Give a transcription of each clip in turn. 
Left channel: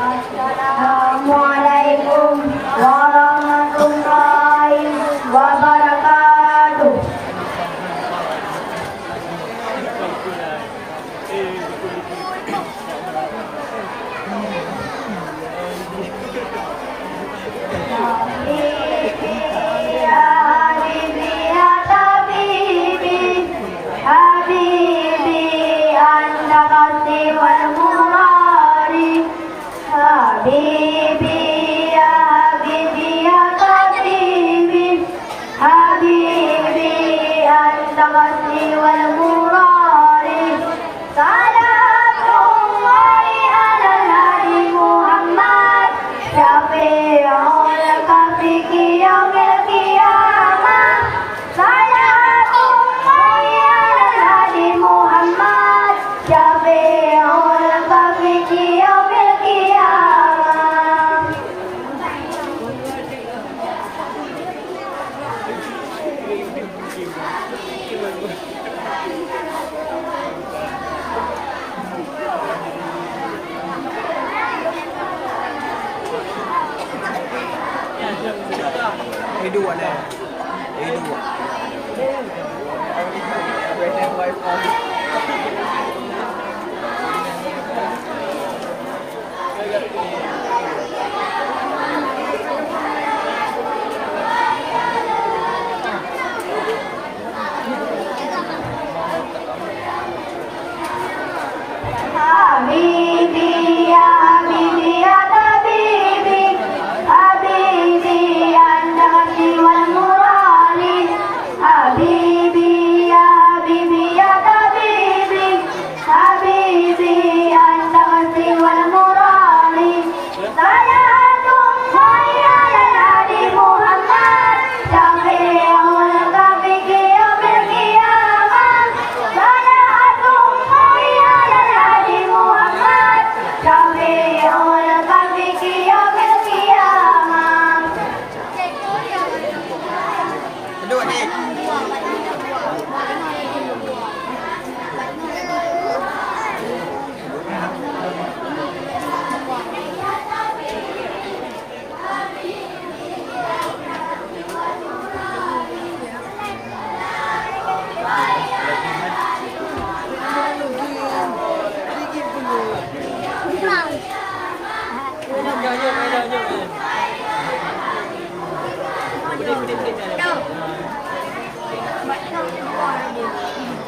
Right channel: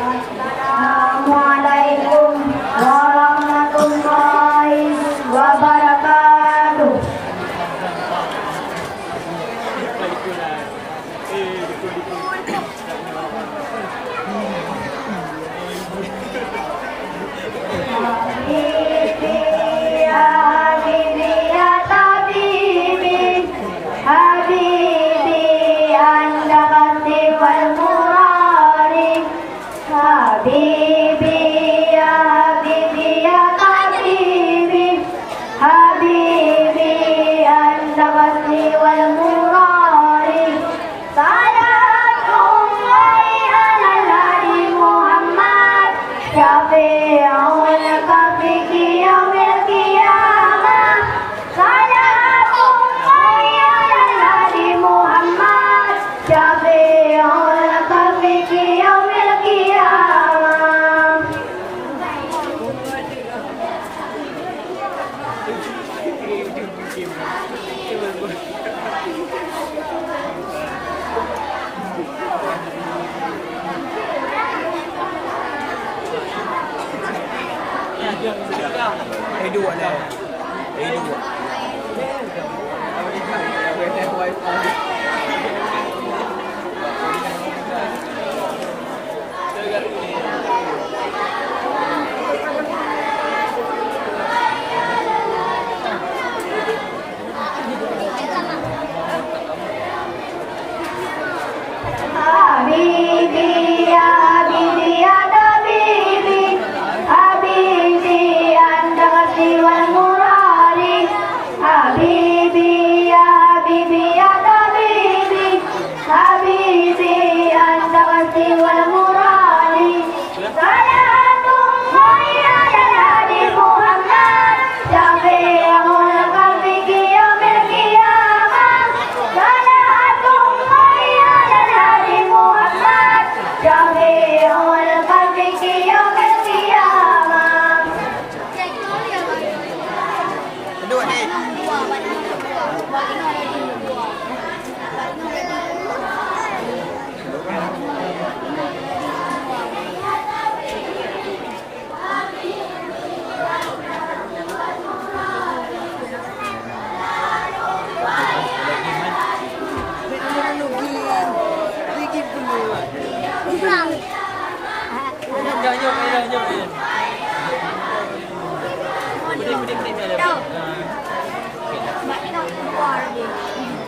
Assalamualaikum warahmatullahi wabarakatuh. Habibi ya Habibi ya Habibi, Habibi anta qasdi wal murari, salatullahi ala nabi Muhammad, syafi'ul kafi yaumil qiyamah, salatullahi ala nabi Muhammad, syafi'ul kafi yaumil qiyamah. dua lah. dua. Habibi ya Habibi ya Habibi, Habibi anta qasdi wal murari, Habibi ya Habibi ya Habibi, Habibi anta qasdi wal murari, salatullahi ala nabi Muhammad, syafi'ul kafi yaumil qiyamah, salatullahi ala nabi Muhammad, syafi'ul kafi yaumil qiyamah. Dua ni.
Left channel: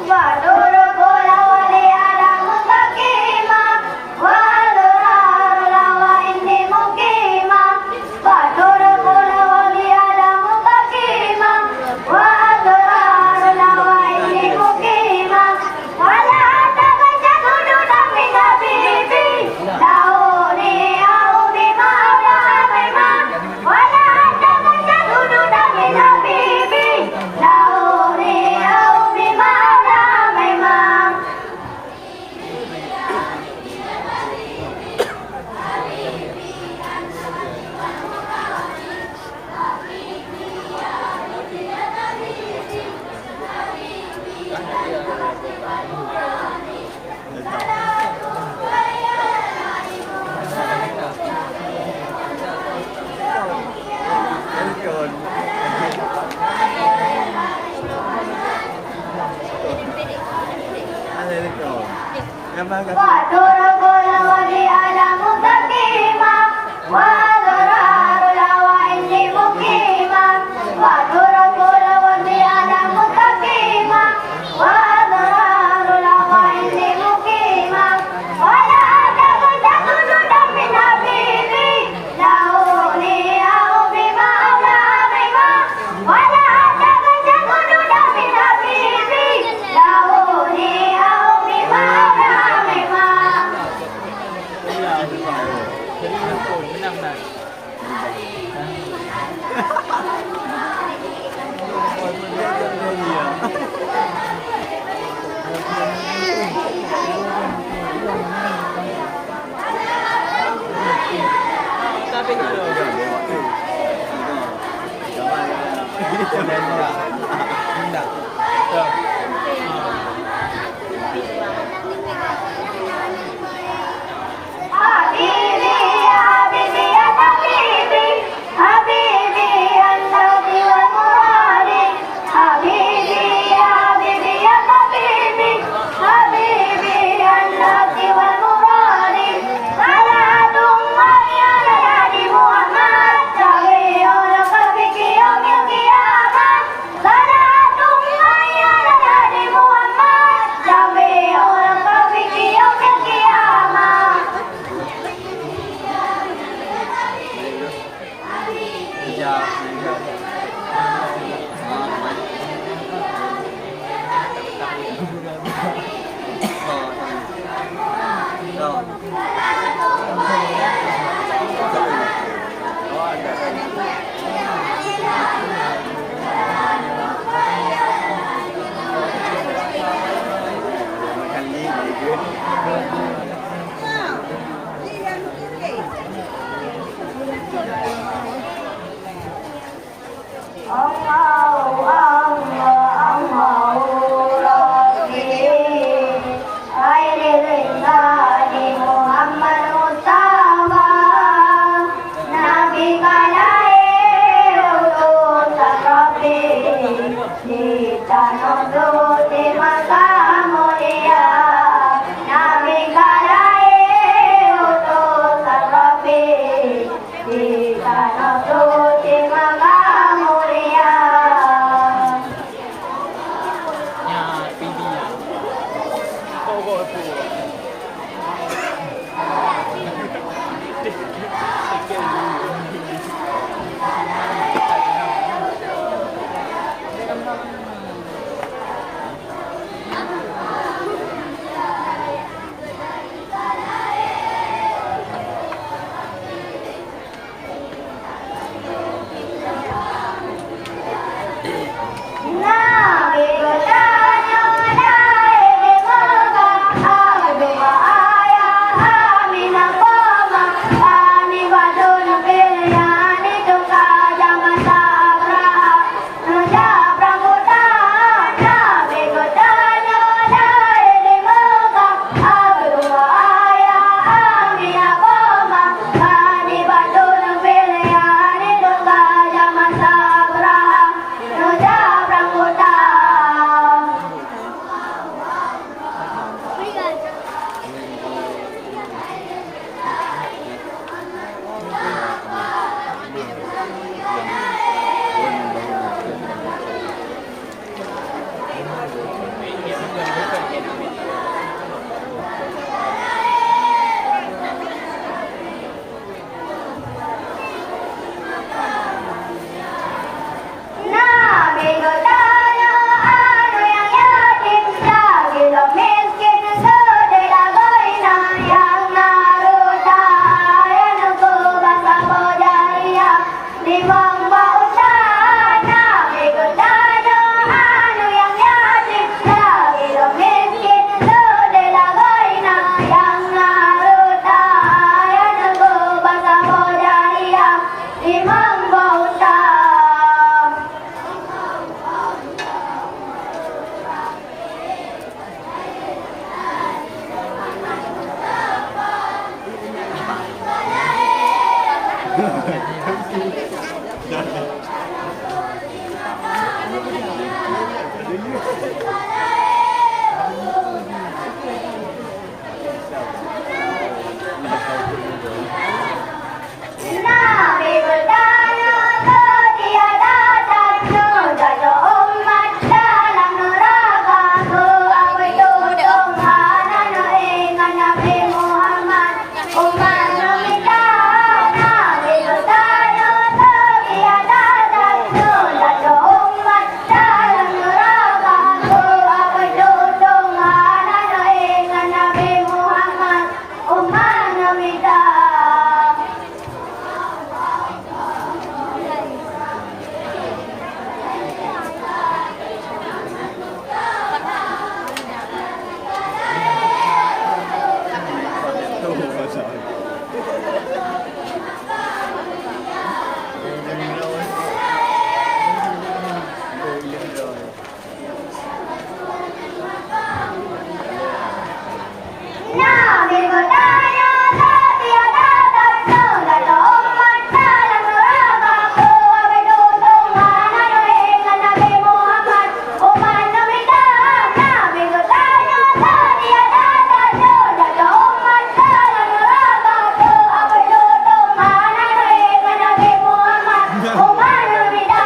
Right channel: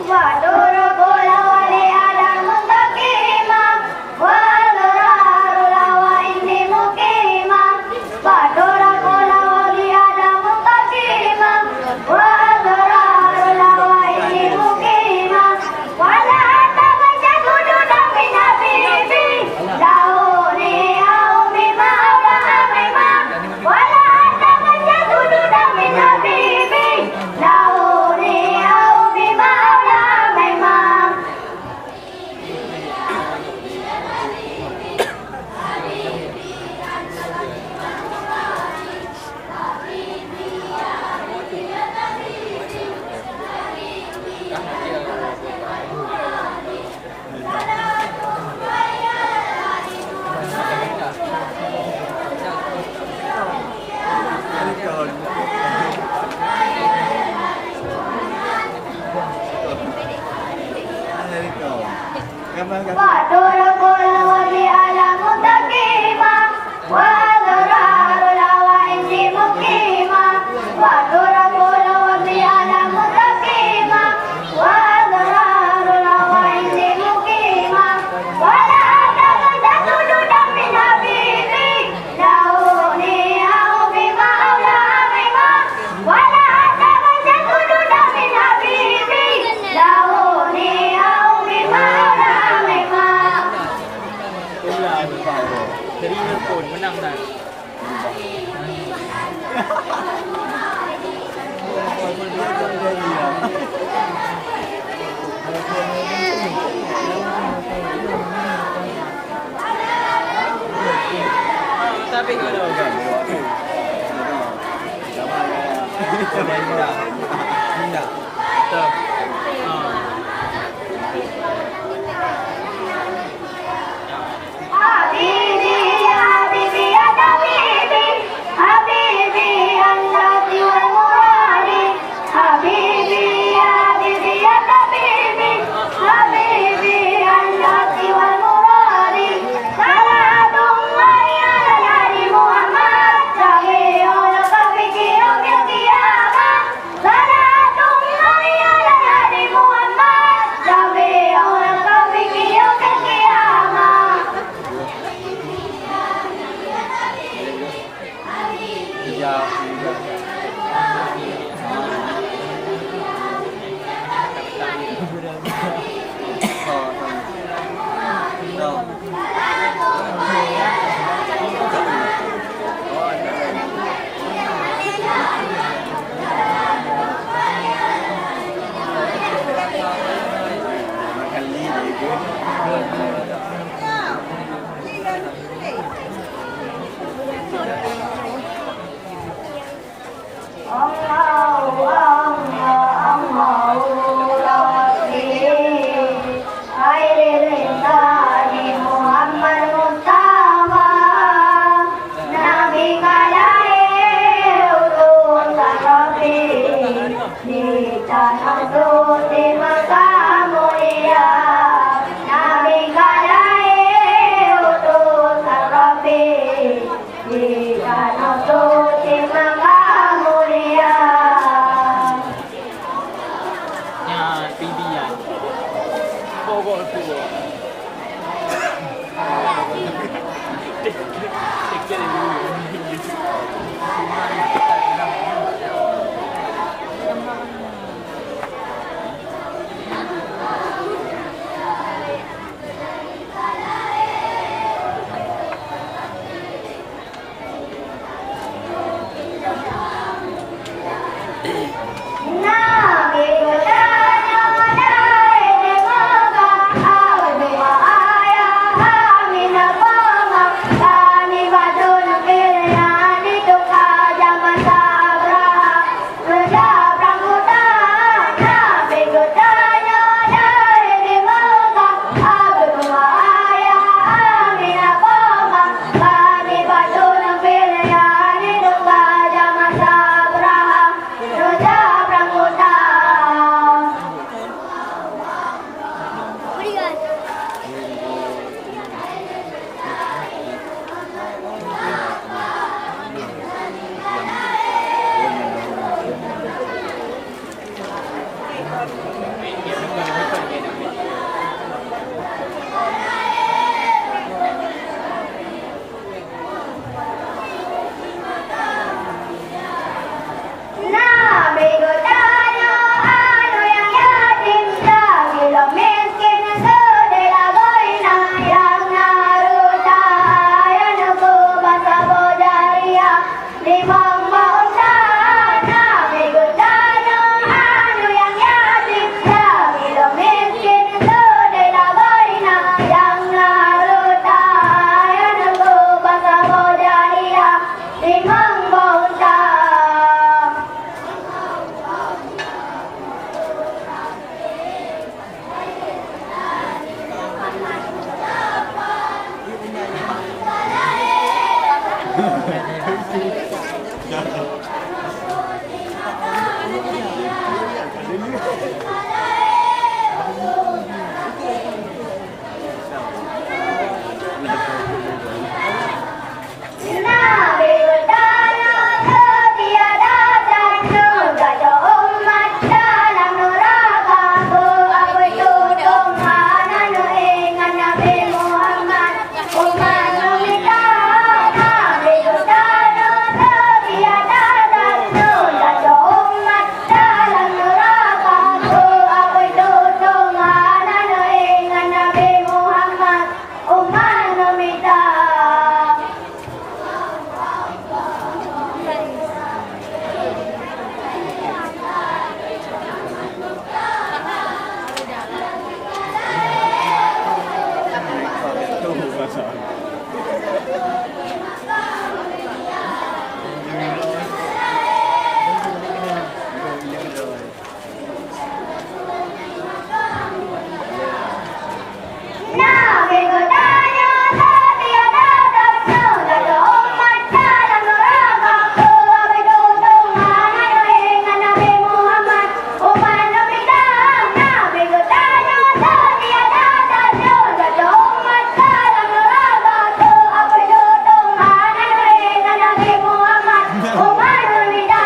Wadur kola wali alam mustaqima, wadur lawa ini mukima. Wadur kola wali alam mustaqima, wadur lawa ini mukima. Wala tabaja kudu dami nabibi, dauni au bima ala amima. Wala tabaja kudu dami nabibi, dauni au bima ala amima. Wadur kola wali alam mustaqima, wadur lawa ini mukima. Wadur kola wali alam mustaqima, wadur lawa ini mukima. Wala tabaja kudu dami nabibi, dauni au bima ala amima. Wala tabaja kudu dami nabibi, dauni au bima ala amima. Jadi pun menang dah. Nabi bertanya tiada tanya kata umat dalam neraka ku apa itu tongkanan ingat Nabi Muhammad umat meminta Nabi bertanya tiada tanya kata umat dalam neraka ku apa itu tongkanan ingat Nabi Muhammad umat meminta. Tuh pasal. Nabi bertanya tiada tanya kata umat dalam neraka ku apa itu tongkanan ingat Nabi Muhammad umat meminta. Nabi bertanya tiada tanya kata umat dalam neraka ku apa itu tongkanan ingat Nabi Muhammad umat meminta.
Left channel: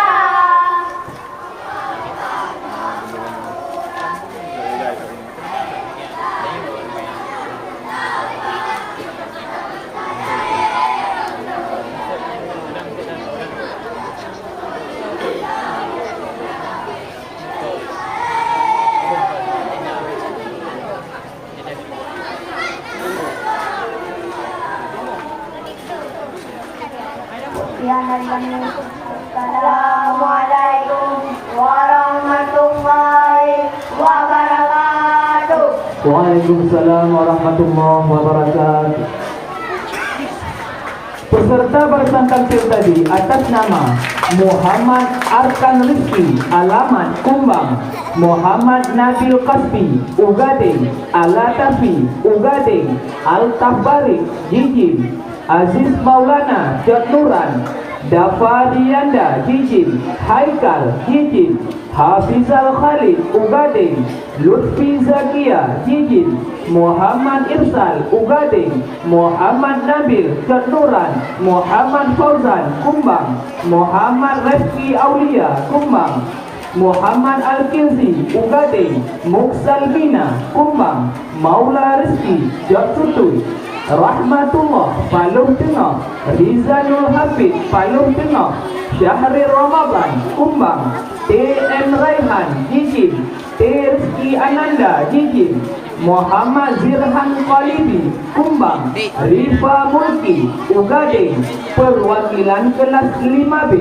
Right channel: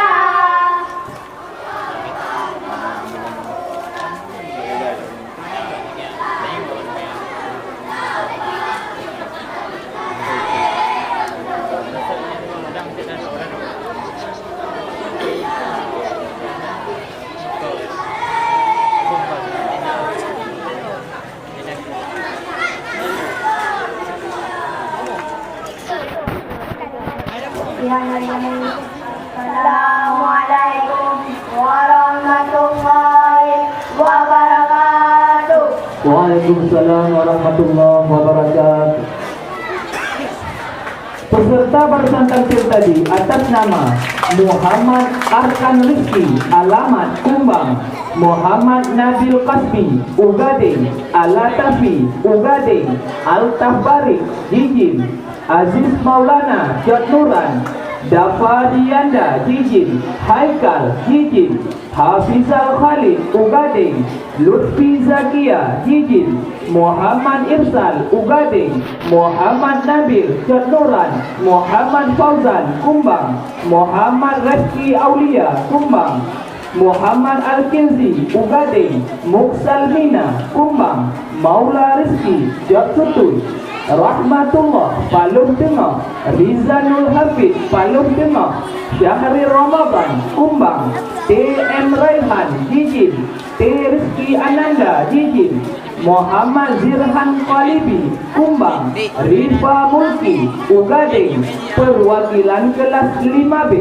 Assalamualaikum warahmatullahi wabarakatuh. Waalaikumsalam warahmatullahi wabarakatuh. Peserta bersantansir tadi atas nama Muhammad Arkan Rizki, alamat Kumbang, Muhammad Nabil Kasbi, Ugading, Alatafi, Ugading, Al-Tahbari, Jijin, Aziz Maulana, Jatnuran, Dafarianda, Jijin, Haikal, Jijin, Hafizal Khalid, Ugading, Lutfi Zakia, Jijin, Muhammad Irsal, Ugading, Muhammad Nabil, Jatnuran, Muhammad Fauzan, Kumbang, Muhammad Rezki Aulia, Kumbang, Muhammad Al-Kinzi, Ugading, Muksalmina, Kumbang, Maula Rizki, Jatsutul, Rahmatullah, Palung Tengah, Rizanul Hafid, Palung Tengah, Syahri Ramadan, Kumbang, T.M. Raihan, Jijin, T. Rizki Ananda, Jijin, Muhammad Zirhan Qalibi, Kumbang, Rifa Mulki, Ugading, perwakilan kelas 5B,